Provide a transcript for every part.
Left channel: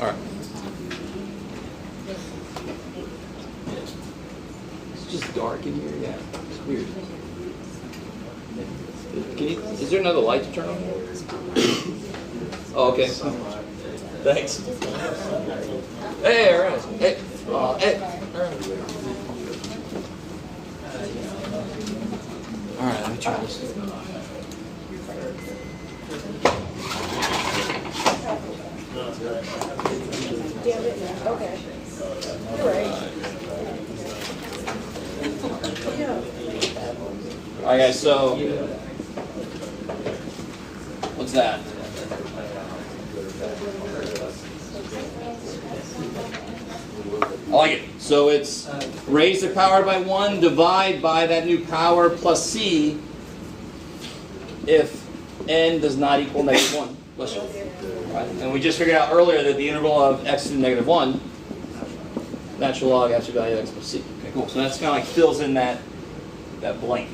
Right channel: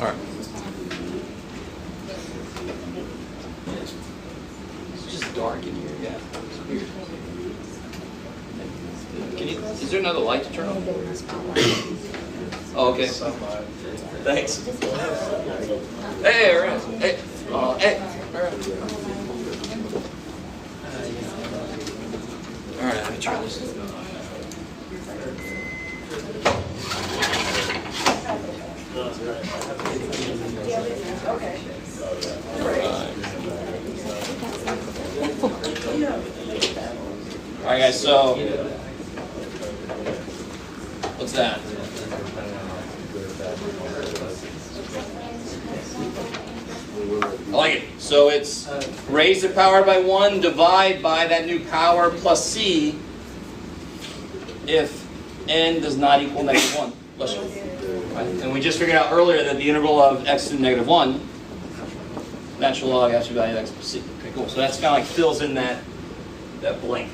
All right. It's just dark in here. Yeah. It's weird. Is there another light to turn on? Oh, okay. Thanks. Hey, all right. Hey. Hey. All right. All right, let me try this. All right, guys, so what's that? I like it. So it's raise the power by 1, divide by that new power plus c if n does not equal -1. Bless you. Right. And we just figured out earlier that the integral of x to the -1, natural log absolute value of x plus c. Okay, cool. So that's kind of like fills in that blank.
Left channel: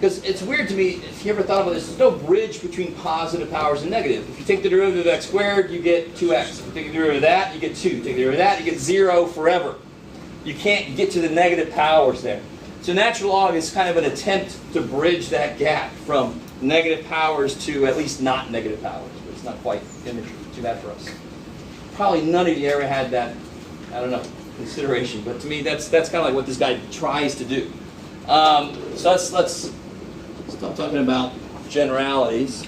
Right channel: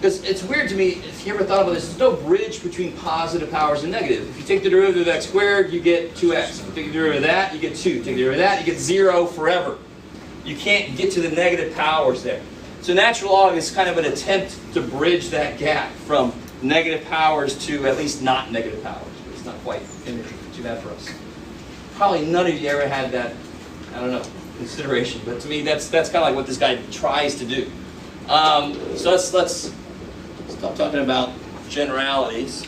Because it's weird to me, if you ever thought about this, there's no bridge between positive powers and negative. If you take the derivative of x squared, you get 2x. If you take the derivative of that, you get 2. Take the derivative of that, you get 0 forever. You can't get to the negative powers there. So natural log is kind of an attempt to bridge that gap from negative powers to at least not negative powers. It's not quite too bad for us. Probably none of you ever had that, I don't know, consideration. But to me, that's kind of like what this guy tries to do. So let's stop talking about generalities.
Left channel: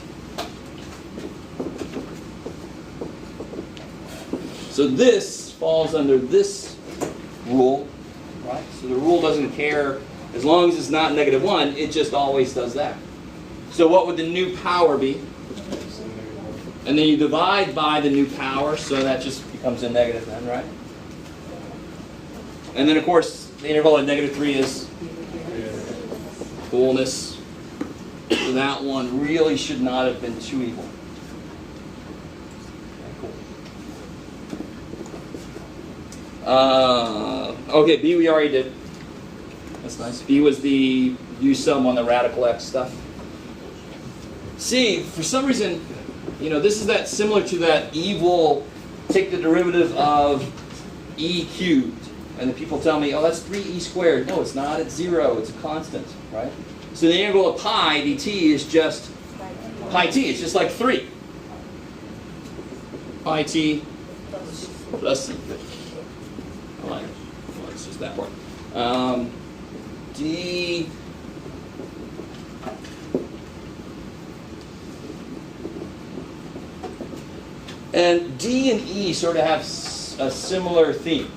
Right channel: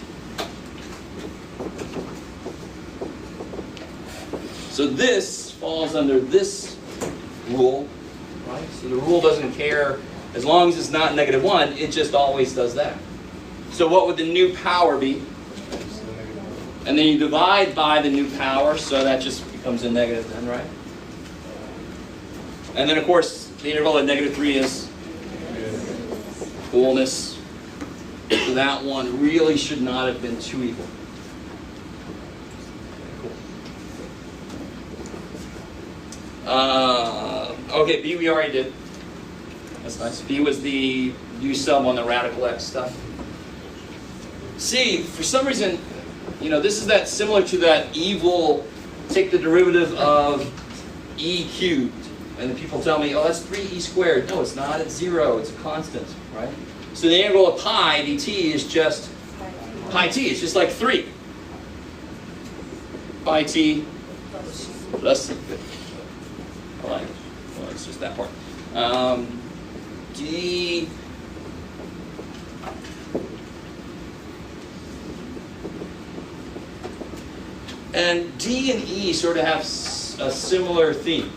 So this falls under this rule, right? So the rule doesn't care, as long as it's not -1, it just always does that. So what would the new power be? And then you divide by the new power, so that just becomes a negative then, right? And then of course, the interval at -3 is coolness. So that one really should not have been 2 equal. Okay, B we already did. That's nice. B was the U sum on the radical x stuff. C, for some reason, you know, this is that similar to that evil, take the derivative of e cubed. And the people tell me, oh, that's 3e squared. No, it's not. It's 0. It's a constant, right? So the integral of pi dt is just pi t. It's just like 3. Pi t less than 50. I like it. Well, it's just that part. D. And D and E sort of have a similar theme.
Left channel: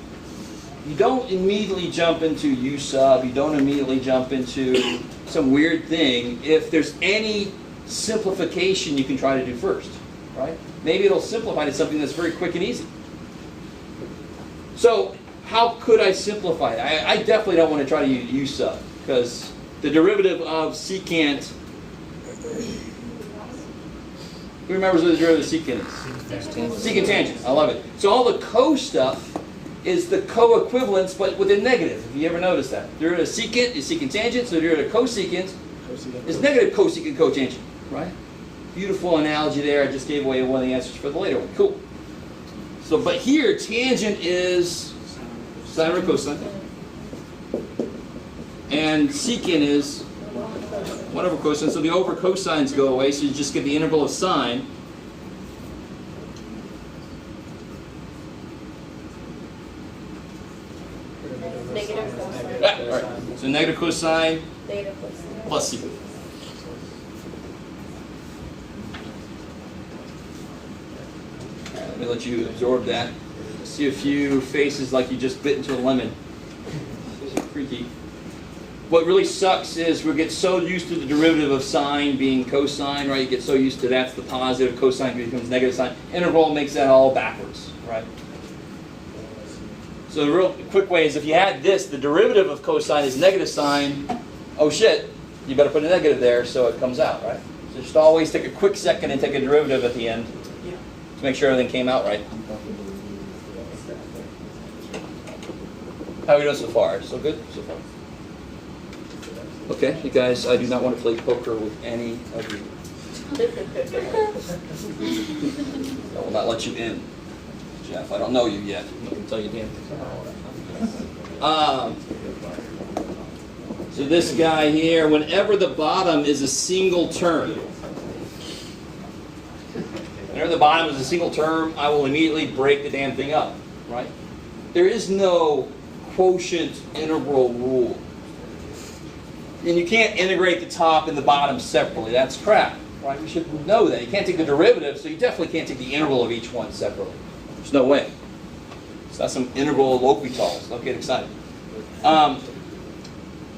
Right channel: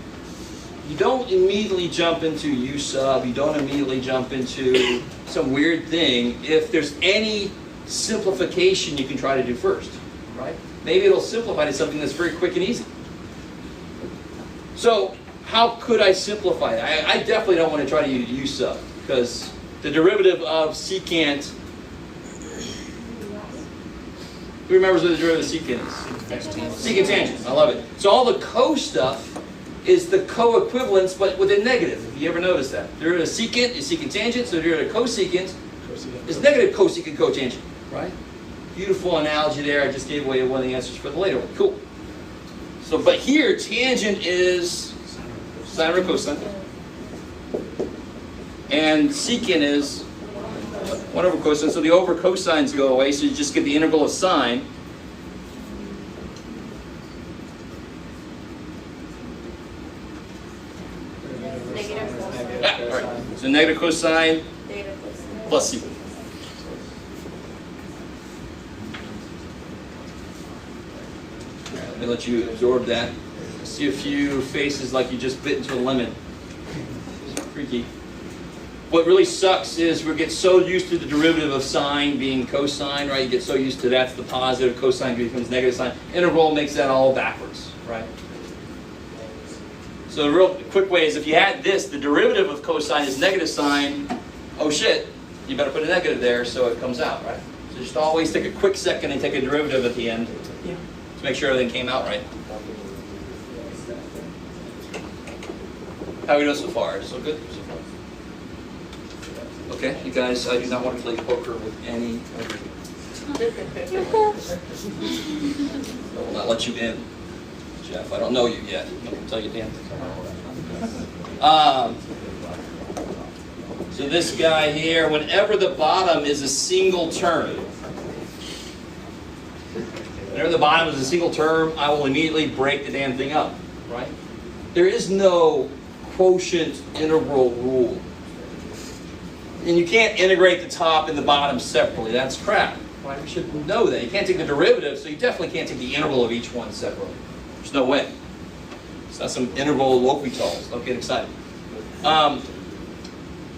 You don't immediately jump into U sub, you don't immediately jump into some weird thing if there's any simplification you can try to do first, right? Maybe it'll simplify to something that's very quick and easy. So, how could I simplify it? I definitely don't want to try to use U sub, because the derivative of secant, who remembers what the derivative of secant is? Secant tangent, I love it. So all the co stuff is the co-equivalence, but with a negative. If you ever notice that. Derivative of secant is secant tangent, so derivative of cosecant is negative cosecant cotangent, right? Beautiful analogy there. I just gave away one of the answers for the later one. Cool. So, but here, tangent is sine over cosine, and secant is 1 over cosine. So the over cosines go away, so you just get the integral of sine. All right. So negative cosine plus secant. Let me let you absorb that. See a few faces like you just bit into a lemon. It's freaky. What really sucks is we get so used to the derivative of sine being cosine, right? You get so used to that's the positive, cosine becomes negative sine. Integral makes that all backwards, right? So the real quick way is if you had this, the derivative of cosine is negative sine, oh shit, you better put a negative there so it comes out, right? So just always take a quick second and take a derivative at the end to make sure everything came out right. How are we doing so far? So good? So far. Okay, you guys, I do not want to play poker with any of you. I will not let you in. Jeff, I don't know you yet. I can tell you, Dan. So this guy here, whenever the bottom is a single term, whenever the bottom is a single term, I will immediately break the damn thing up, right? There is no quotient integral rule. I mean, you can't integrate the top and the bottom separately. That's crap. Right? You should know that. You can't take the derivative, so you definitely can't take the integral of each one separately. There's no way. It's not some integral of L'Hopital's. Don't get excited.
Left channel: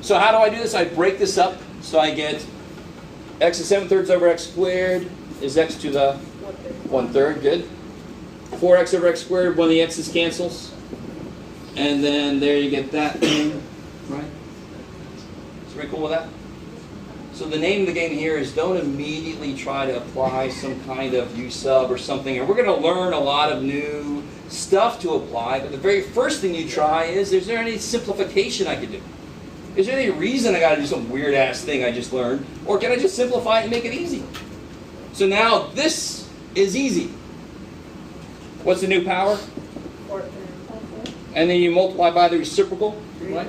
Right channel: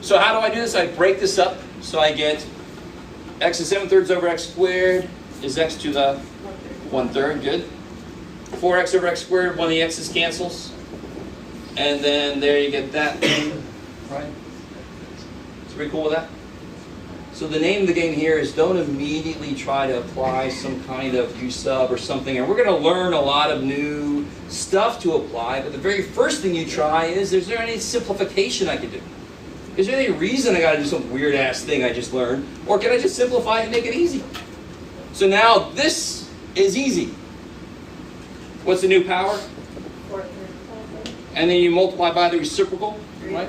So how do I do this? I break this up. So I get x is 7/3 over x squared is x to the 1/3. Good. 4x over x squared, one of the x's cancels. And then there you get that thing. Right? It's pretty cool with that. So the name of the game here is don't immediately try to apply some kind of u sub or something. And we're going to learn a lot of new stuff to apply. But the very first thing you try is there any simplification I could do? Is there any reason I got to do some weird ass thing I just learned? Or can I just simplify it and make it easy? So now this is easy. What's the new power? And then you multiply by the reciprocal, right?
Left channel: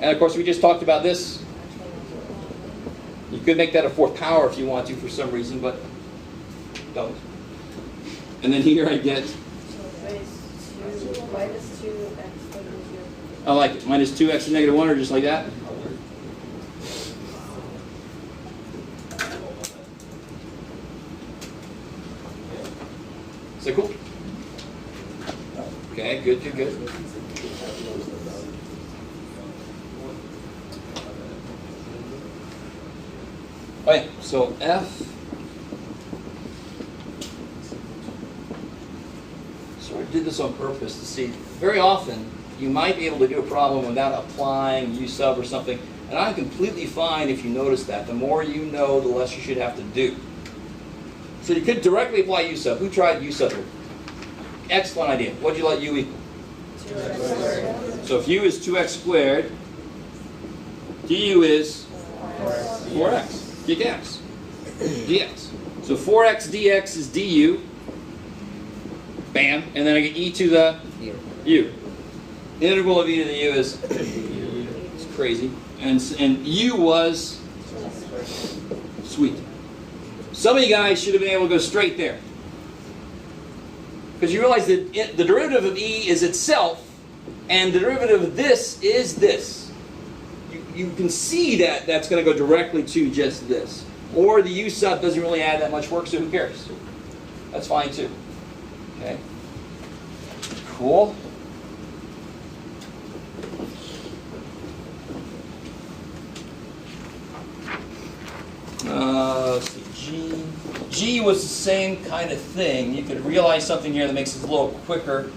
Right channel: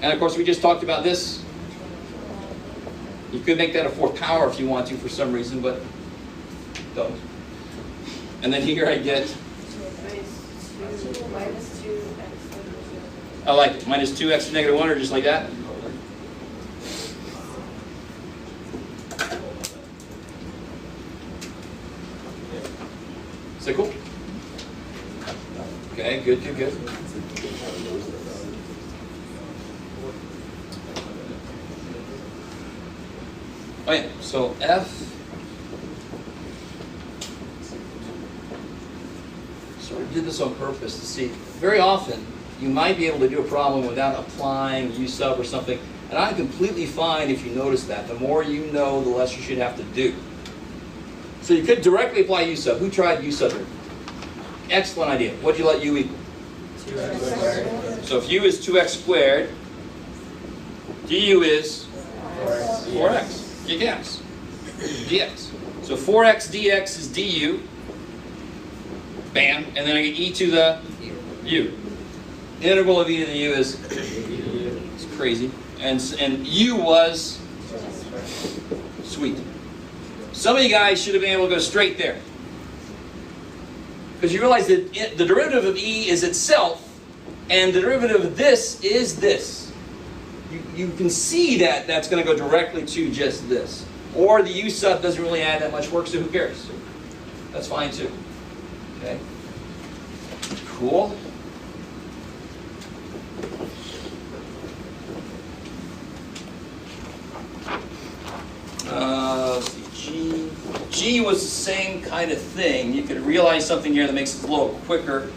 And of course we just talked about this. You could make that a fourth power if you want to for some reason, but don't. And then here I get, I like it, minus 2x to negative 1, or just like that. Is that cool? Okay, good. Alright, so F. So I did this on purpose to see. Very often, you might be able to do a problem without applying u sub or something. And I'm completely fine if you notice that. The more you know, the less you should have to do. So you could directly apply u sub. Who tried u sub? Excellent idea. What did you let u equal? 2x squared. So if u is 2x squared, du is 4x. Dx. Dx. So 4x dx is du. Bam. And then I get e to the u. The integral of e to the u is it's crazy. And u was sweet. Some of you guys should have been able to go straight there. Because you realize that the derivative of e is itself, and the derivative of this is this. You can see that that's going to go directly to just this. Or the u sub doesn't really add that much work, so who cares? That's fine too. Okay. Cool. G was the same kind of thing. You could realize something here that makes it a little quicker.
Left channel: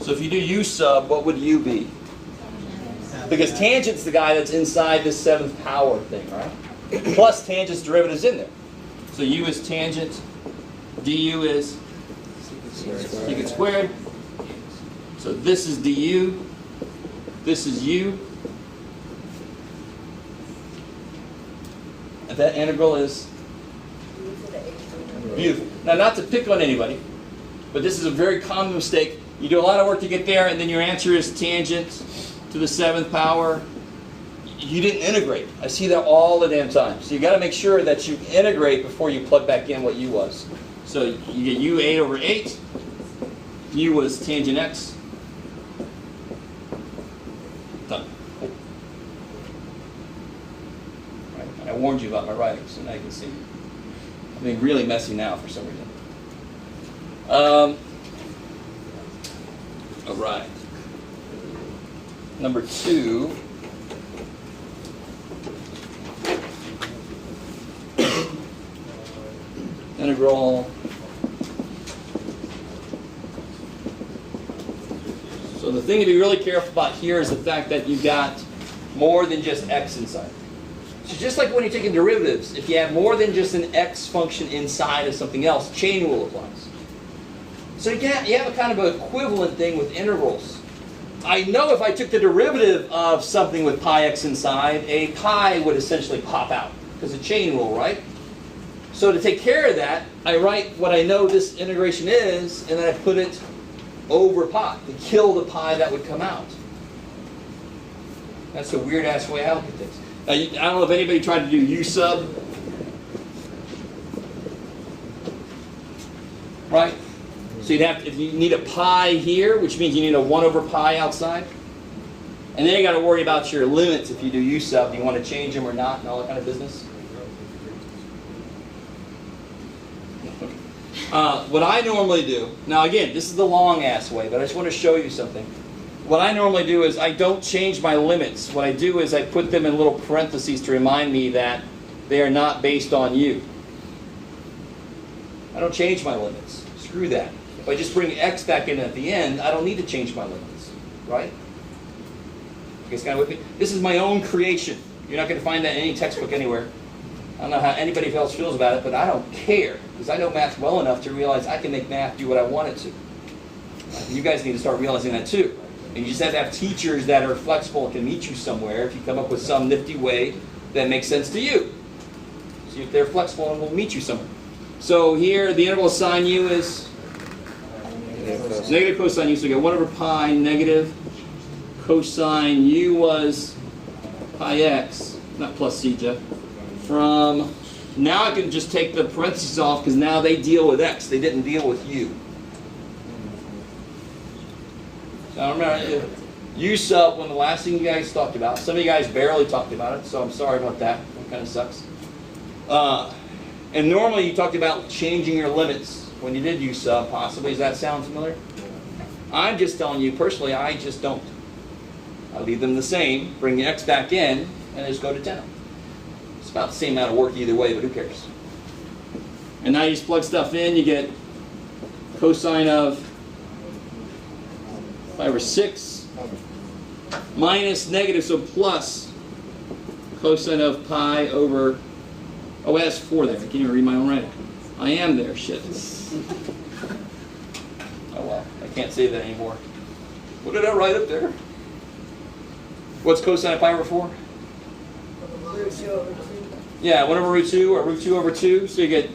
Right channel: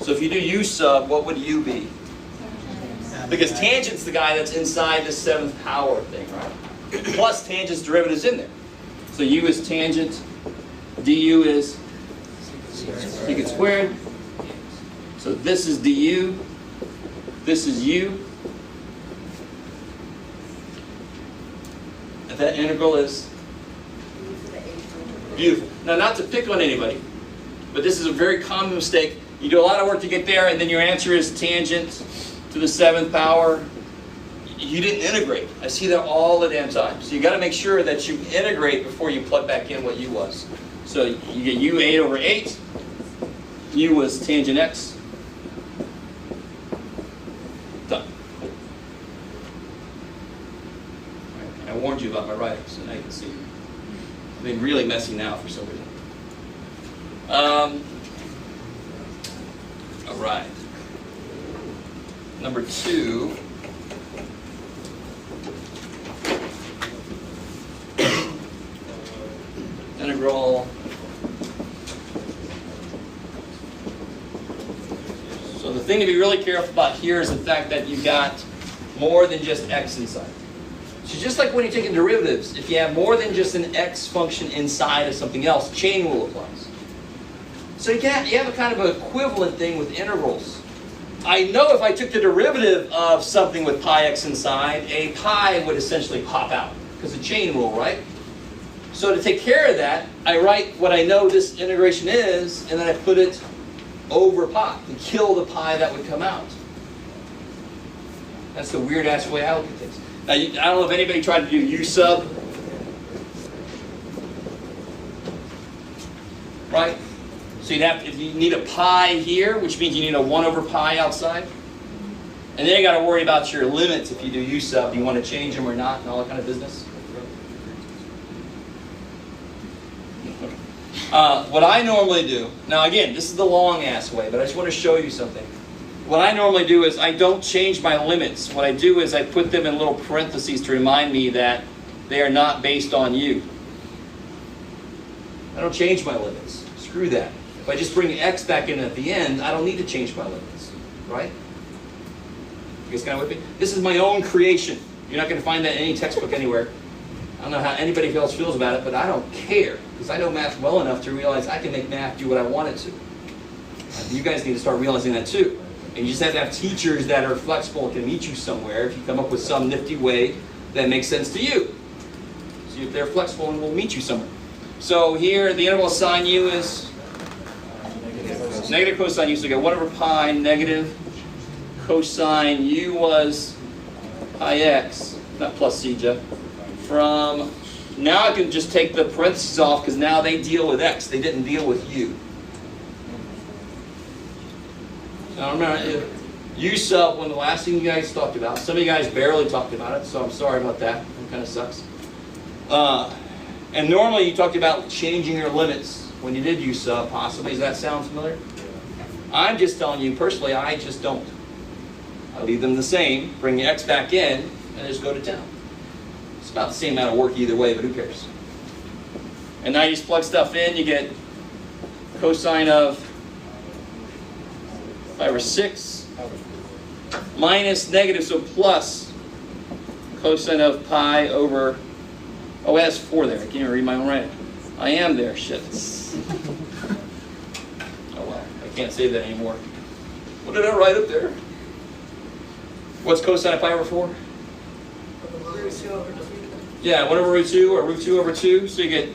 So if you do u sub, what would u be? Because tangent's the guy that's inside this seventh power thing, right? Plus tangent's derivative's in there. So u is tangent, du is secant squared. So this is du, this is u. And that integral is beautiful. Now, not to pick on anybody, but this is a very common mistake. You do a lot of work to get there, and then your answer is tangent to the seventh power. You didn't integrate. I see that all the damn time. So you got to make sure that you integrate before you plug back in what u was. So you get u 8 over 8. U was tangent x. Done. Right. I warned you about my writing, so now you can see. I'm being really messy now for some reason. All right. Number 2. Integral. So the thing to be really careful about here is the fact that you got more than just x inside. So just like when you're taking derivatives, if you have more than just an x function inside of something else, chain rule applies. So you have a kind of an equivalent thing with integrals. I know if I took the derivative of something with pi x inside, a pi would essentially pop out because of chain rule, right? So to take care of that, I write what I know this integration is, and then I put it over pi to kill the pi that would come out. That's a weird-ass way out of things. Now, I don't know if anybody tried to do U sub. Right? So you'd have, if you need a pi here, which means you need a 1 over pi outside. And then you got to worry about your limits if you do U sub. You want to change them or not and all that kind of business. What I normally do, now again, this is the long-ass way, but I just want to show you something. What I normally do is I don't change my limits. What I do is I put them in little parentheses to remind me that they are not based on U. I don't change my limits. Screw that. If I just bring x back in at the end, I don't need to change my limits. Right? You guys kind of with me? This is my own creation. You're not going to find that in any textbook anywhere. I don't know how anybody else feels about it, but I don't care. Because I know math well enough to realize I can make math do what I want it to. You guys need to start realizing that too. And you just have to have teachers that are flexible and can meet you somewhere if you come up with some nifty way that makes sense to you. So they're flexible and will meet you somewhere. So here, the interval of sine u is negative cosine u. So you get 1 over pi negative cosine u was pi x, not plus c, Jeff. From, now I can just take the parentheses off because now they deal with x. They didn't deal with u. Now remember, u sub, one of the last things you guys talked about. Some of you guys barely talked about it, so I'm sorry about that. It kind of sucks. And normally you talked about changing your limits when you did u sub, possibly. Does that sound familiar? I'm just telling you, personally, I just don't. I leave them the same, bring the x back in, and just go to town. It's about the same amount of work either way, but who cares? And now you just plug stuff in, you get cosine of pi over 6 minus negative, so plus cosine of pi over, oh, it has 4 there. I can't even read my own writing. I am there, shit. Oh well, I can't say that anymore. What did I write up there? What's cosine of pi over 4? Yeah, 1 over root 2, or root 2 over 2. So you get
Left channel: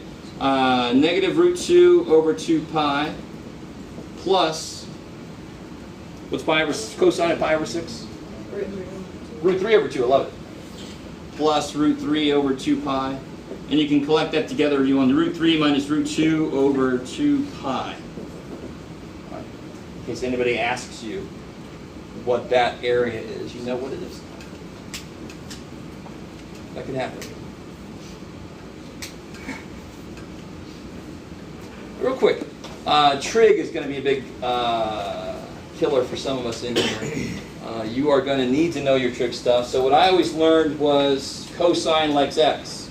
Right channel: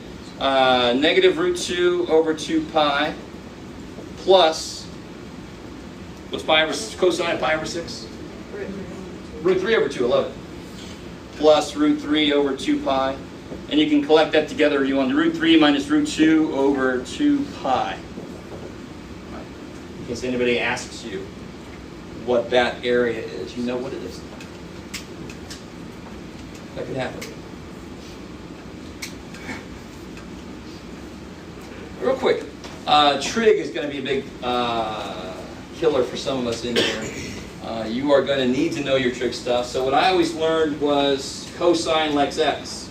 negative root 2 over 2 pi plus, what's pi over, cosine of pi over 6? Root 3 over 2, I love it. Plus root 3 over 2 pi. And you can collect that together. You want root 3 minus root 2 over 2 pi. Right. In case anybody asks you what that area is, you know what it is. That could happen. Real quick, trig is going to be a big killer for some of us in here. You are going to need to know your trig stuff. So what I always learned was cosine likes x.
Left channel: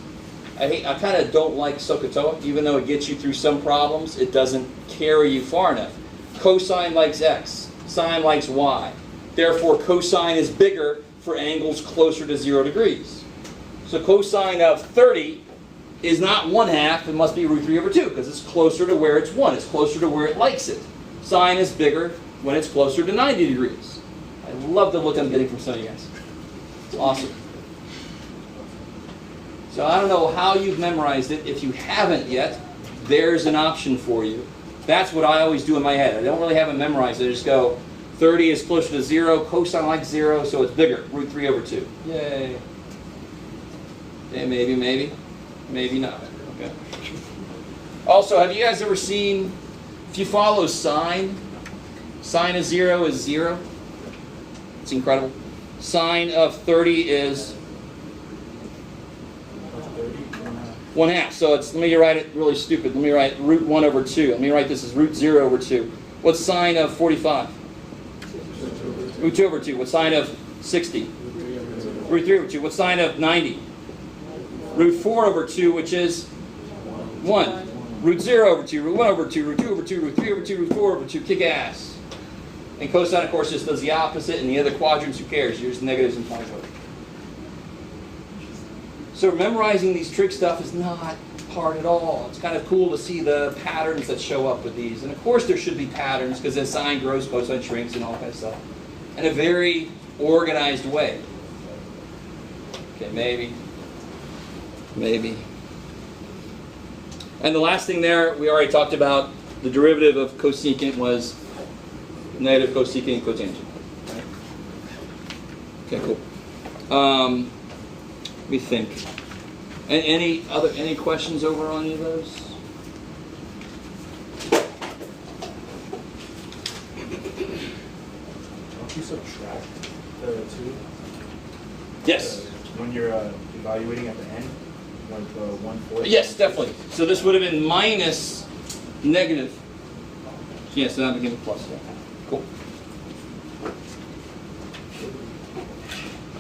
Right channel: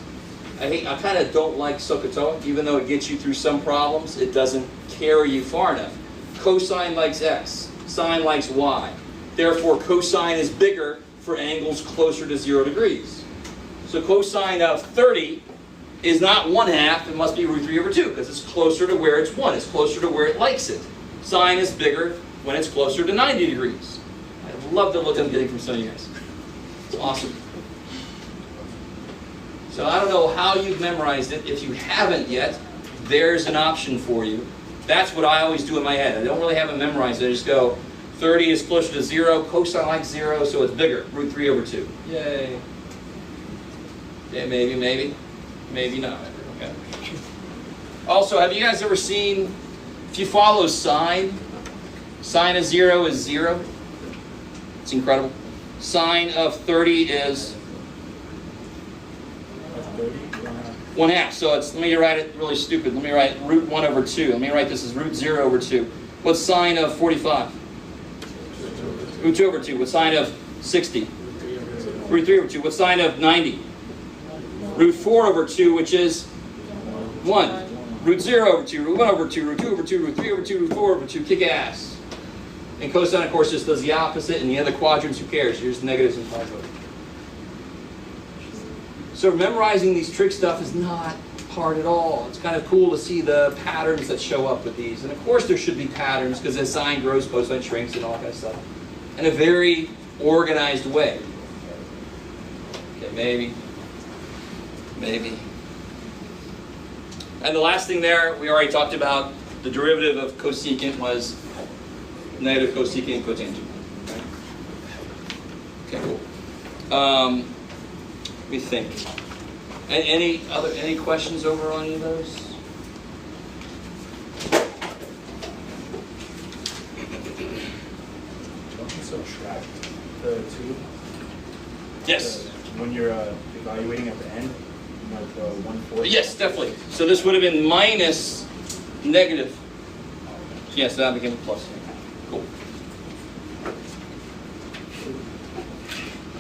I kind of don't like SOHCAHTOA, even though it gets you through some problems, it doesn't carry you far enough. Cosine likes x, sine likes y. Therefore, cosine is bigger for angles closer to 0 degrees. So cosine of 30 is not 1/2, it must be root 3 over 2, because it's closer to where it's 1. It's closer to where it likes it. Sine is bigger when it's closer to 90 degrees. I love the look I'm getting from some of you guys. It's awesome. So I don't know how you've memorized it. If you haven't yet, there's an option for you. That's what I always do in my head. I don't really have it memorized. I just go, 30 is closer to 0, cosine likes 0, so it's bigger, root 3 over 2. Yay. Okay, maybe not. Okay. Also, have you guys ever seen, if you follow sine of 0 is 0. It's incredible. Sine of 30 is 1/2. So it's, let me write it really stupid. Let me write root 1 over 2. Let me write this as root 0 over 2. What's sine of 45? Root 2 over 2. What's sine of 60? Root 3 over 2. What's sine of 90? Root 4 over 2, which is 1. Root 0 over 2, root 1 over 2, root 2 over 2, root 3 over 2, root 4 over 2. Kick ass. And cosine, of course, just does the opposite. In the other quadrants, who cares? Here's negatives and positives. So memorizing these trig stuff is not hard at all. It's kind of cool to see the patterns that show up with these. And of course there should be patterns, because as sine grows, cosine shrinks, and all that kind of stuff. In a very organized way. Okay, maybe. And the last thing there, we already talked about, the derivative of cosecant was negative cosecant cotangent. Okay, cool. Let me think. Any questions over on any of those? Don't you subtract the two? Yes. When you're evaluating at the end, like 1/4? Yes, definitely. So this would have been minus negative. Yes, that became a plus. Cool.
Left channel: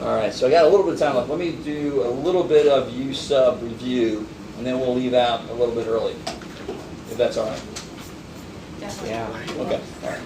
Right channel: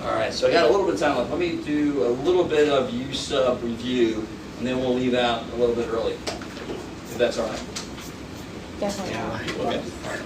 All right, so I got a little bit of time left. Let me do a little bit of U sub review, and then we'll leave out a little bit early, if that's all right. Definitely. Yeah. Okay. All right.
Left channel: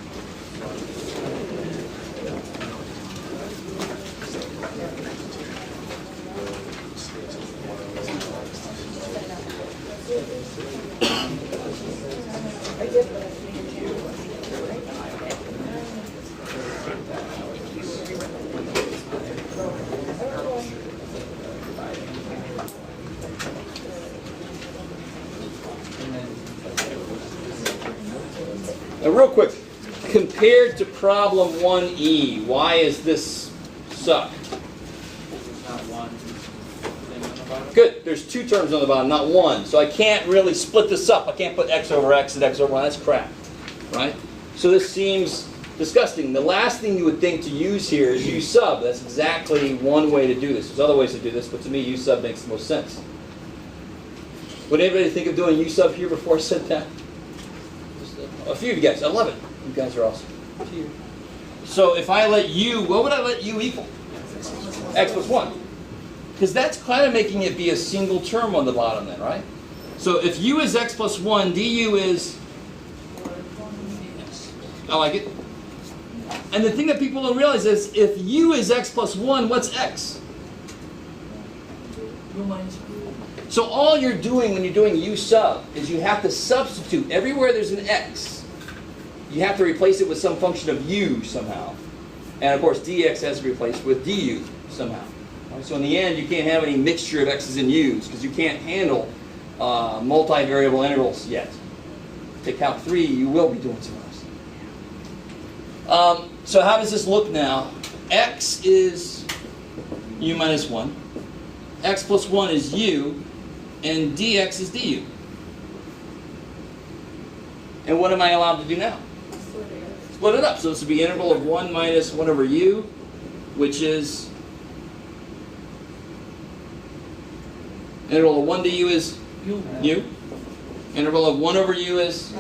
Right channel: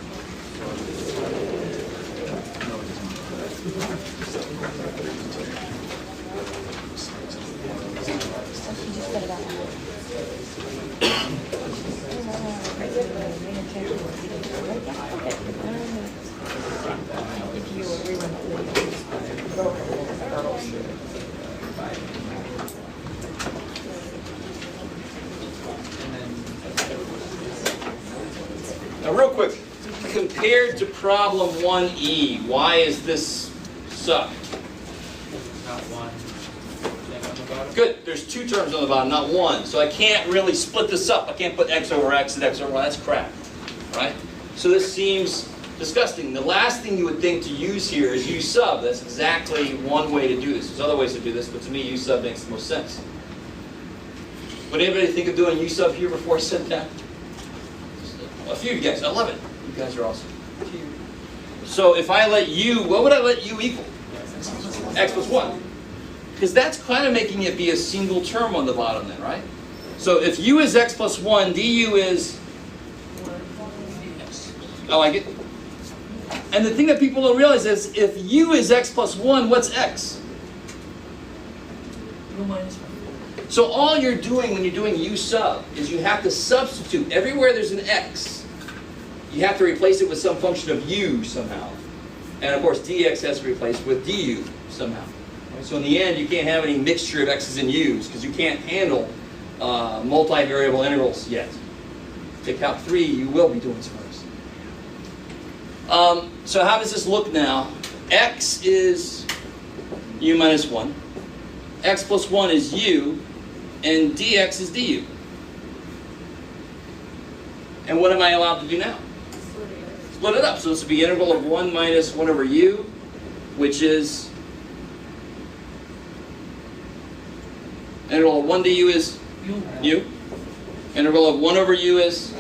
Now, real quick, compared to problem 1E, why is this suck? Not one thing on the bottom. Good. There's two terms on the bottom, not one. So I can't really split this up. I can't put x over x and x over y. That's crap, right? So this seems disgusting. The last thing you would think to use here is U sub. That's exactly one way to do this. There's other ways to do this, but to me, U sub makes the most sense. Would anybody think of doing U sub here before I said that? A few of you guys. I love it. You guys are awesome. So if I let U, what would I let U equal? X plus 1. Because that's kind of making it be a single term on the bottom then, right? So if U is x plus 1, du is... I like it. And the thing that people don't realize is, if U is x plus 1, what's x? U minus 1. So all you're doing when you're doing U sub is you have to substitute. Everywhere there's an x, you have to replace it with some function of U somehow. And of course, dx has to be replaced with du somehow. Right? So in the end, you can't have any mixture of x's and u's because you can't handle multivariable integrals yet. To count 3, you will be doing some of those. So how does this look now? X is u minus 1. X plus 1 is u. And dx is du. And what am I allowed to do now? Split it up. So this would be integral of 1 minus 1 over u, which is integral of 1 du is u. Integral of 1 over u is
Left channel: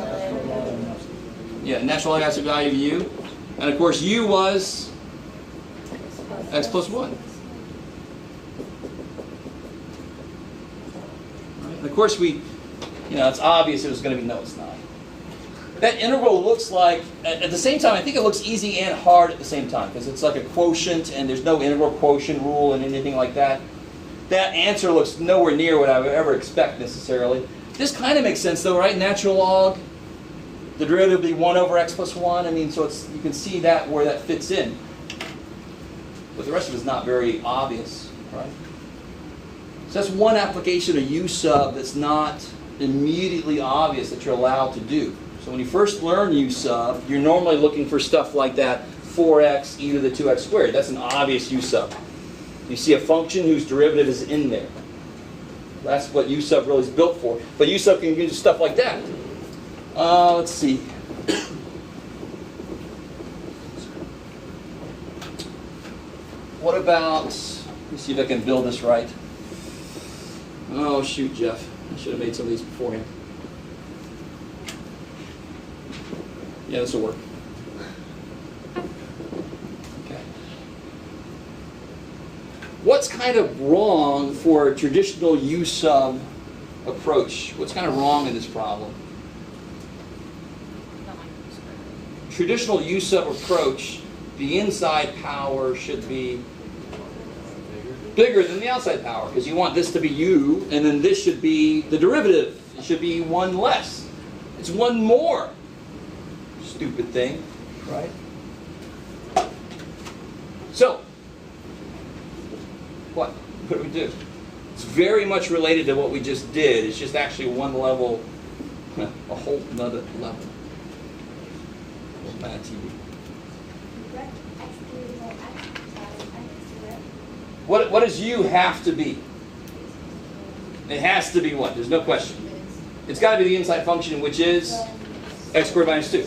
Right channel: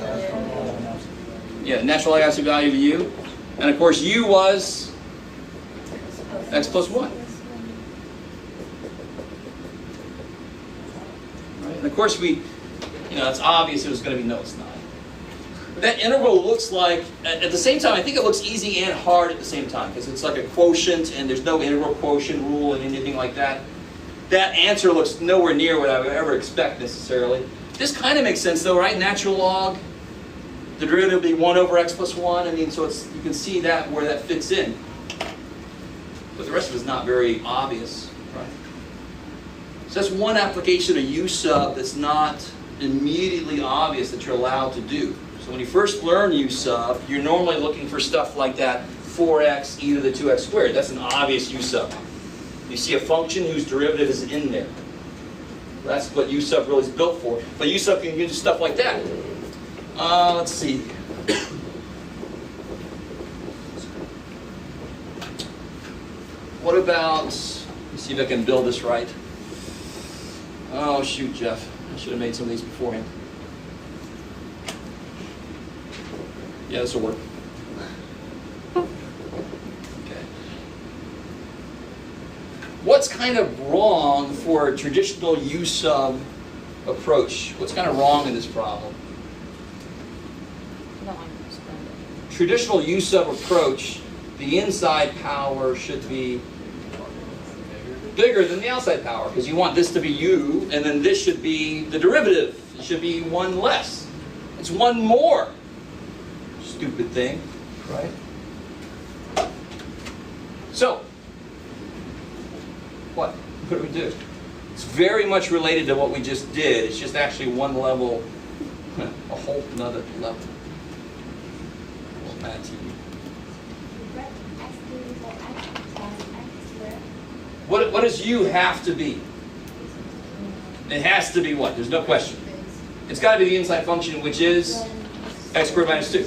natural log acid value of u. And of course u was x plus 1. And of course it's obvious it was going to be no, it's not. That integral looks like, at the same time, I think it looks easy and hard at the same time, because it's like a quotient, and there's no integral quotient rule and anything like that. That answer looks nowhere near what I would ever expect necessarily. This kind of makes sense though, right? Natural log, the derivative would be 1 over x plus 1. I mean, so you can see that where that fits in. But the rest of it is not very obvious, right? So that's one application of U sub that's not immediately obvious that you're allowed to do. So when you first learn U sub, you're normally looking for stuff like that, 4x e to the 2x squared. That's an obvious U sub. You see a function whose derivative is in there. That's what U sub really is built for. But U sub can do stuff like that. Let's see. What about, let's see if I can build this right. Oh, shoot, Jeff. I should have made some of these beforehand. Yeah, this will work. Okay. What's kind of wrong for a traditional U sub approach? What's kind of wrong with this problem? Traditional U sub approach, the inside power should be bigger than the outside power, because you want this to be u, and then this should be the derivative. It should be 1 less. It's 1 more. Stupid thing, right? So, what? What do we do? It's very much related to what we just did. It's just actually one level, a whole another level. Bad to you. What does U have to be? It has to be what? There's no question. It's got to be the inside function, which is x squared minus 2.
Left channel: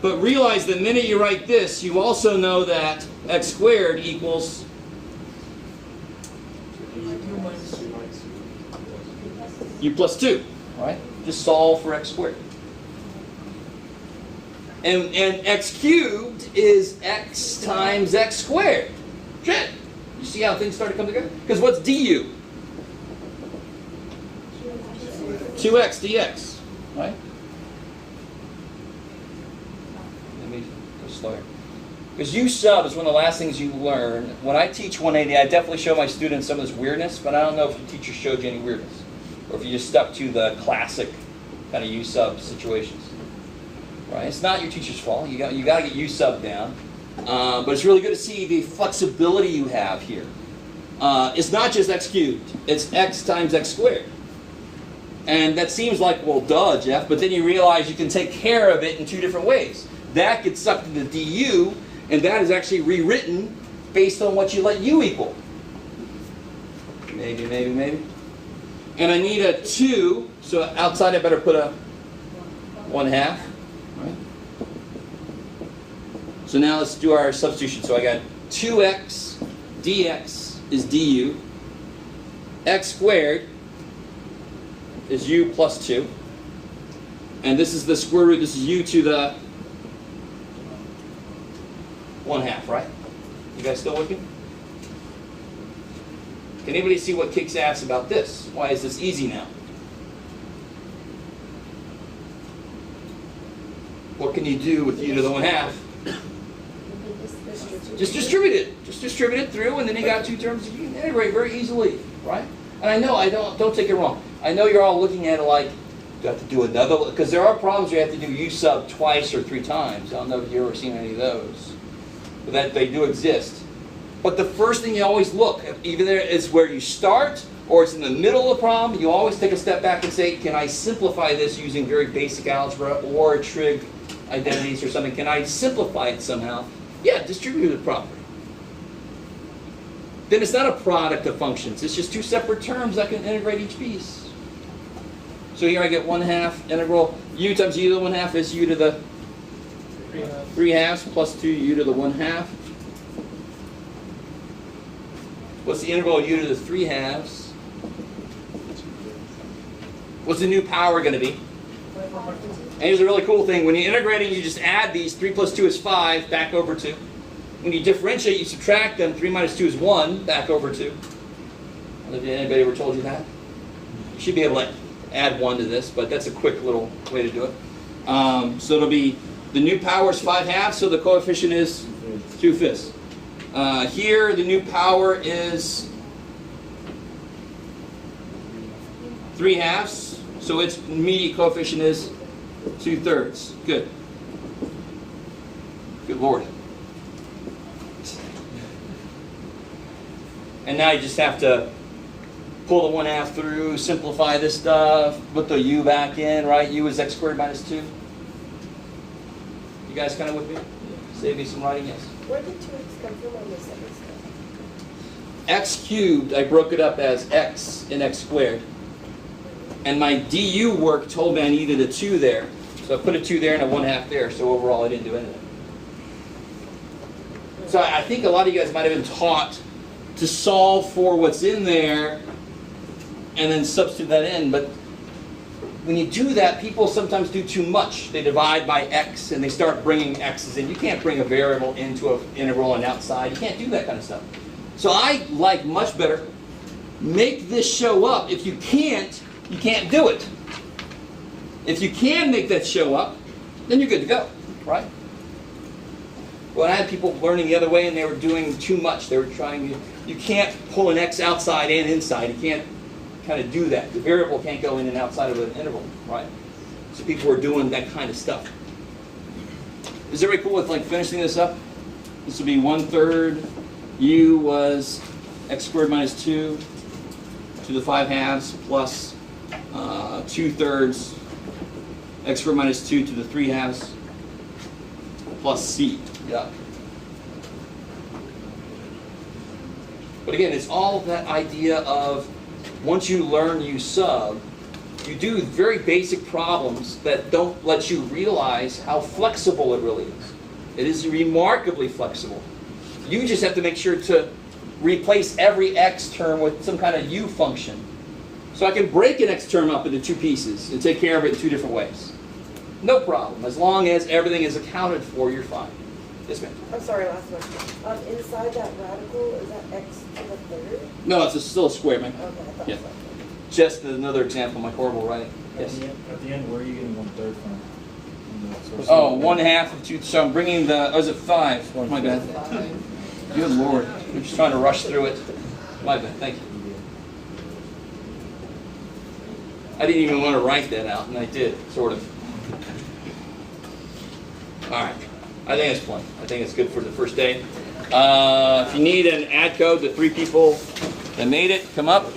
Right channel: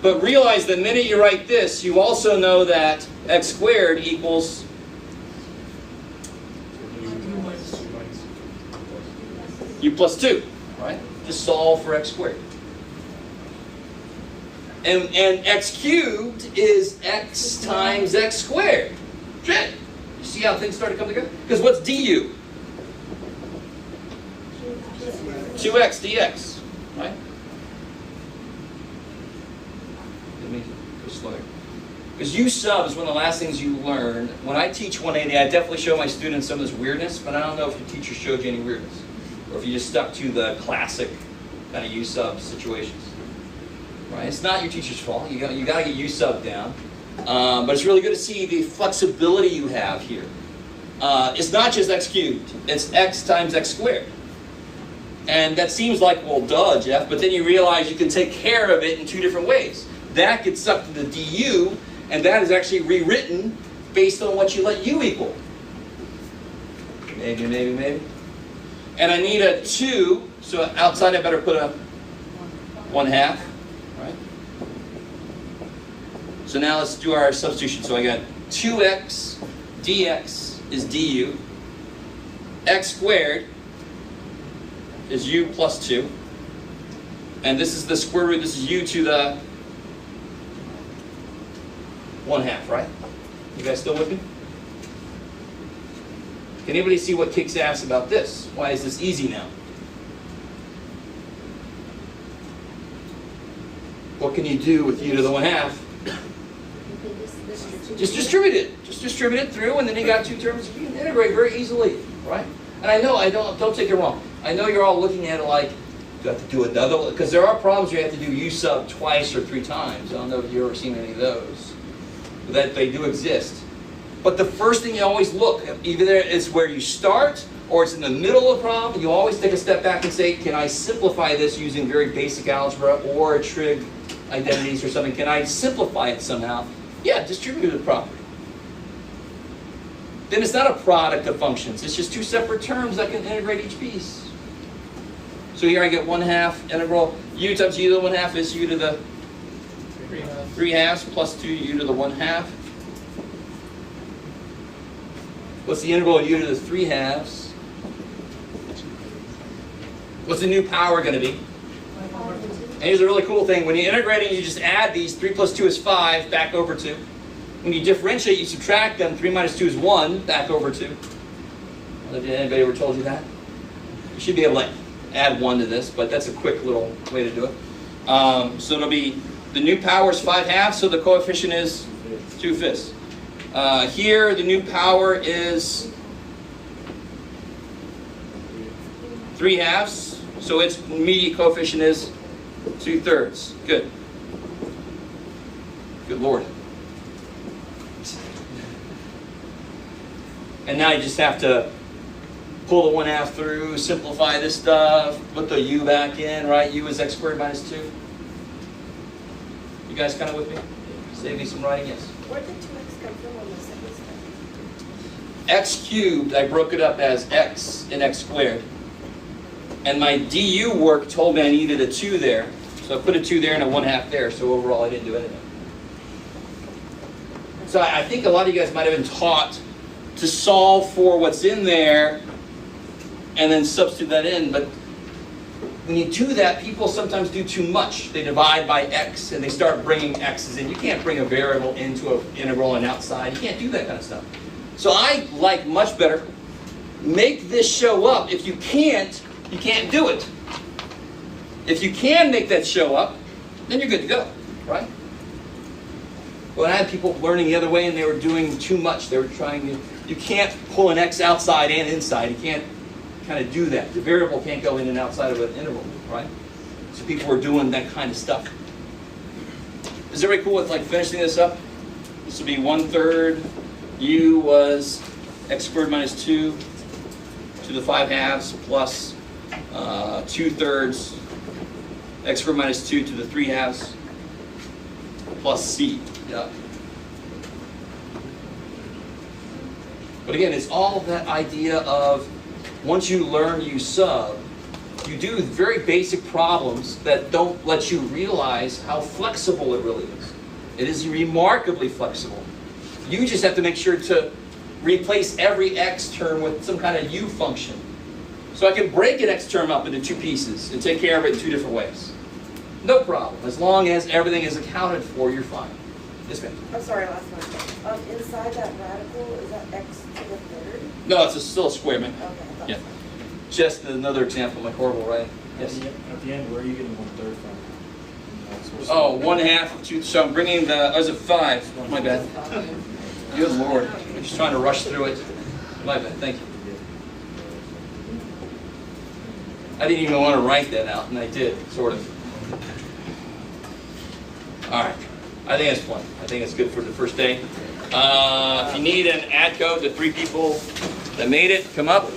But realize the minute you write this, you also know that x squared equals u plus 2. Right? Just solve for x squared. And x cubed is x times x squared. Check. You see how things start to come together? Because what's du? 2x dx. Right? Because u sub is one of the last things you learn. When I teach 180, I definitely show my students some of this weirdness, but I don't know if the teacher showed you any weirdness. Or if you just stuck to the classic kind of u sub situations. Right? It's not your teacher's fault. You got to get u sub down. But it's really good to see the flexibility you have here. It's not just x cubed. It's x times x squared. And that seems like, well, duh, Jeff. But then you realize you can take care of it in two different ways. That gets sucked to the du, and that is actually rewritten based on what you let u equal. Maybe, maybe, maybe. And I need a 2, so outside I better put a 1/2. Right? So now let's do our substitution. So I got 2x dx is du. X squared is u plus 2. And this is the square root. This is u to the 1/2, right? You guys still with me? Can anybody see what kicks ass about this? Why is this easy now? What can you do with u to the 1/2? Just distribute it. Just distribute it through, and then you got two terms you can integrate very easily, right? And I know, don't take it wrong. I know you're all looking at it like, you have to do another, because there are problems you have to do u sub twice or 3 times. I don't know if you've ever seen any of those. But that they do exist. But the first thing you always look, either it's where you start, or it's in the middle of the problem, you always take a step back and say, can I simplify this using very basic algebra or trig identities or something? Can I simplify it somehow? Yeah, distribute it properly. Then it's not a product of functions. It's just two separate terms that can integrate each piece. So here I get 1/2 integral u times u to the 1/2 is u to the 3/2 plus 2 u to the 1/2. What's the integral of u to the 3/2? What's the new power going to be? And here's a really cool thing. When you integrate it, you just add these. 3 plus 2 is 5, back over 2. When you differentiate, you subtract them. 3 minus 2 is 1, back over 2. Anybody ever told you that? You should be able to add 1 to this, but that's a quick little way to do it. So it'll be, the new power is 5/2, so the coefficient is 2/5. Here, the new power is 3/2, so its immediate coefficient is 2/3. Good. Good Lord. And now you just have to pull the 1/2 through, simplify this stuff, put the u back in, right? U is x squared minus 2. You guys kind of with me? Save me some writing, yes. Where did 2x come from on the second step? X cubed, I broke it up as x and x squared. And my du work told me I needed a 2 there. So I put a 2 there and a 1/2 there, so overall I didn't do anything. So I think a lot of you guys might have been taught to solve for what's in there and then substitute that in, but when you do that, people sometimes do too much. They divide by x and they start bringing x's in. You can't bring a variable into an integral and outside. You can't do that kind of stuff. So I like much better, make this show up. If you can't do it. If you can make that show up, then you're good to go, right? Well, I had people learning the other way and they were doing too much. They were trying to, you can't pull an x outside and inside. You can't kind of do that. The variable can't go in and outside of an interval, right? So people were doing that kind of stuff. Is everybody cool with like finishing this up? This will be 1/3. U was x squared minus 2. to the 5/2 plus 2/3 x squared minus 2 to the 3/2 plus c. Yeah. But again, it's all that idea of once you learn you sub, you do very basic problems that don't let you realize how flexible it really is. It is remarkably flexible. You just have to make sure to replace every x term with some kind of u function. So I can break an x term up into two pieces and take care of it in two different ways. No problem. As long as everything is accounted for, you're fine. Yes, ma'am. I'm sorry, last one. Inside that radical, is that x to the third? No, it's still a square, man. Okay, I thought Yeah. so. Just another example, my horrible, right? Yes. At the end, where are you getting 1/3 from? Oh, 1/2 of 2. So I'm bringing the. Oh, is it 5? My bad. Good Lord. I'm just trying to rush through it. My bad. Thank you. I didn't even want to write that out, and I did, sort of. All right. I think it's fun. I think it's good for the first day. If you need an ad code, the 3 people that made it, come up.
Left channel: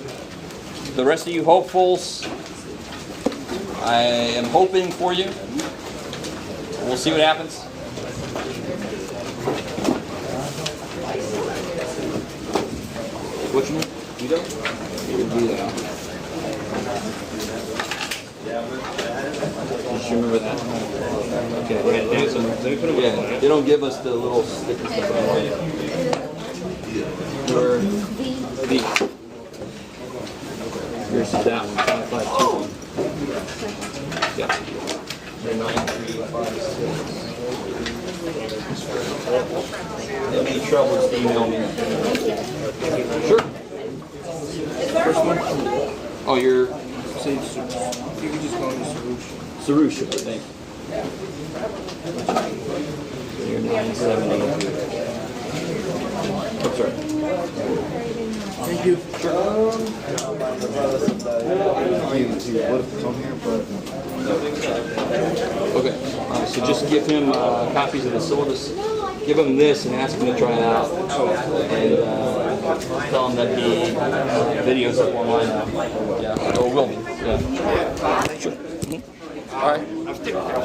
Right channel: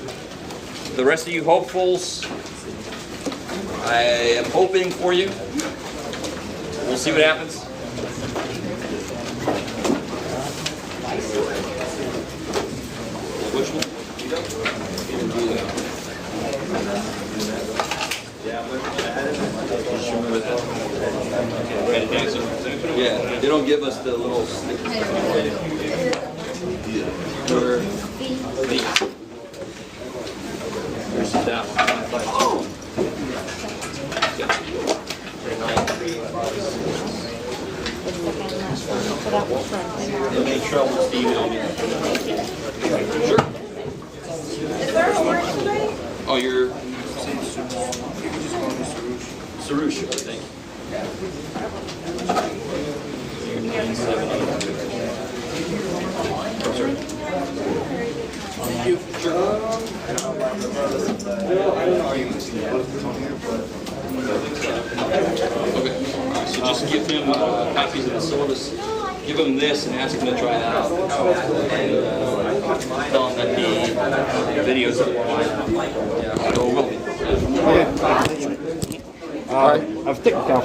The rest of you hopefuls, I am hoping for you. We'll see what happens. Which one? You go? Yeah, they don't give us the little stickers. Your feet. Here's that one. Yeah. Any trouble, just email me. Sure. Oh, you're Sarush. Thanks. I'm sorry. Thank you. Okay. So just give him copies of the syllabus. Give him this and ask him to try it out. And tell him that the video's up online now. Yeah. Or will be. Yeah. All right. I've taken down